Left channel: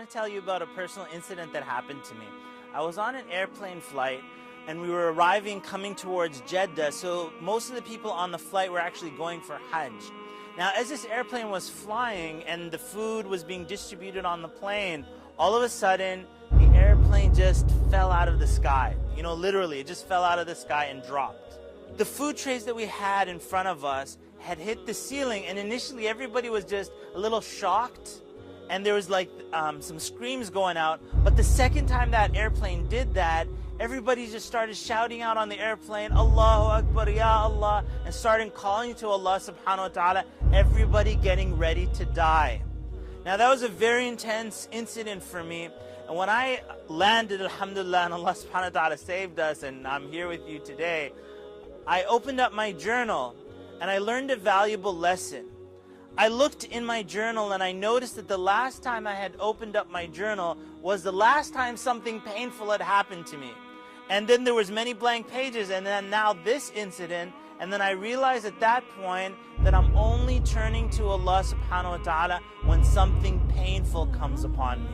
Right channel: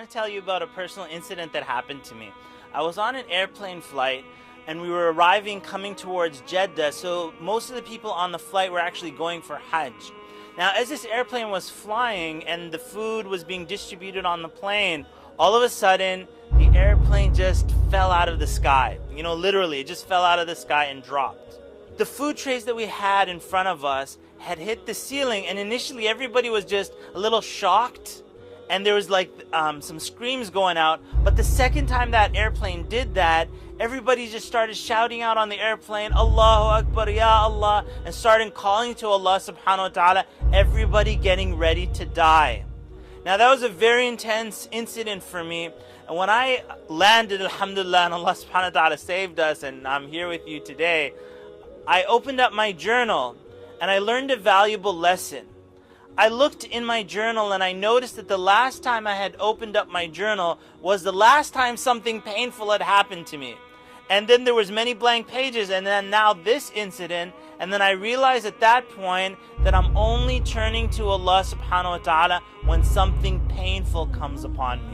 want to tell you about a personal incident that happened to me. I was on an airplane flight and we were coming towards Jeddah, so most of the people on the flight were actually going for Hajj. Now, as this airplane was flying and the food was being distributed on the plane, all of a sudden, the airplane just fell out of the sky. You know, literally, it just fell out of the sky and dropped. The food trays that we had in front of us had hit the ceiling, and initially everybody was just a little shocked, and there was like some screams going out. But the second time that airplane did that, everybody just started shouting out on the airplane, Allahu Akbar, Ya Allah, and started calling to Allah subhanahu wa ta'ala, everybody getting ready to die. Now that was a very intense incident for me, and when I landed, alhamdulillah, and Allah subhanahu wa ta'ala saved us, and I'm here with you today, I opened up my journal and I learned a valuable lesson. I looked in my journal and I noticed that the last time I had opened up my journal was the last time something painful had happened to me. And then there was many blank pages, and then now this incident, and then I realized at that point that I'm only turning to Allah subhanahu wa ta'ala when something painful comes upon me.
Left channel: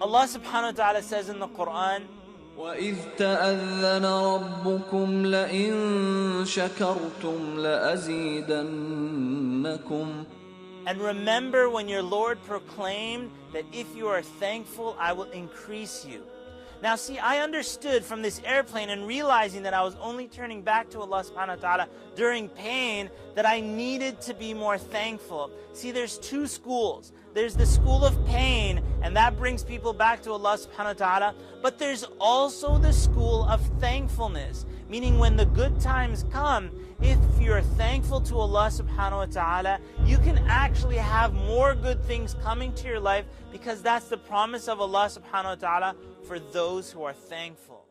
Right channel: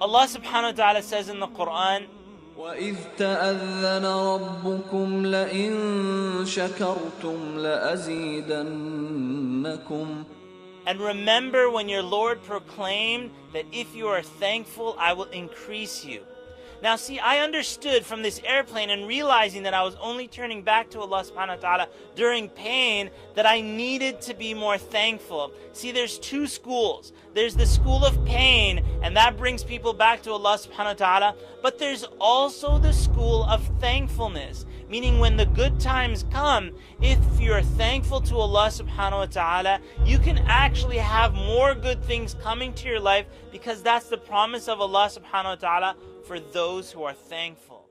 Allah subhanahu wa ta'ala says in the Quran, وَإِذْ تَأَذَّنَ رَبُّكُمْ لَئِن شَكَرْتُمْ لَأَزِيدَنَّكُمْ. And remember when your Lord proclaimed that if you are thankful, I will increase you. Now see, I understood from this airplane and realizing that I was only turning back to Allah subhanahu wa ta'ala during pain that I needed to be more thankful. See, there's two schools. There's the school of pain, and that brings people back to Allah subhanahu wa ta'ala. But there's also the school of thankfulness, meaning when the good times come, if you're thankful to Allah subhanahu wa ta'ala, you can actually have more good things coming to your life, because that's the promise of Allah subhanahu wa ta'ala for those who are thankful.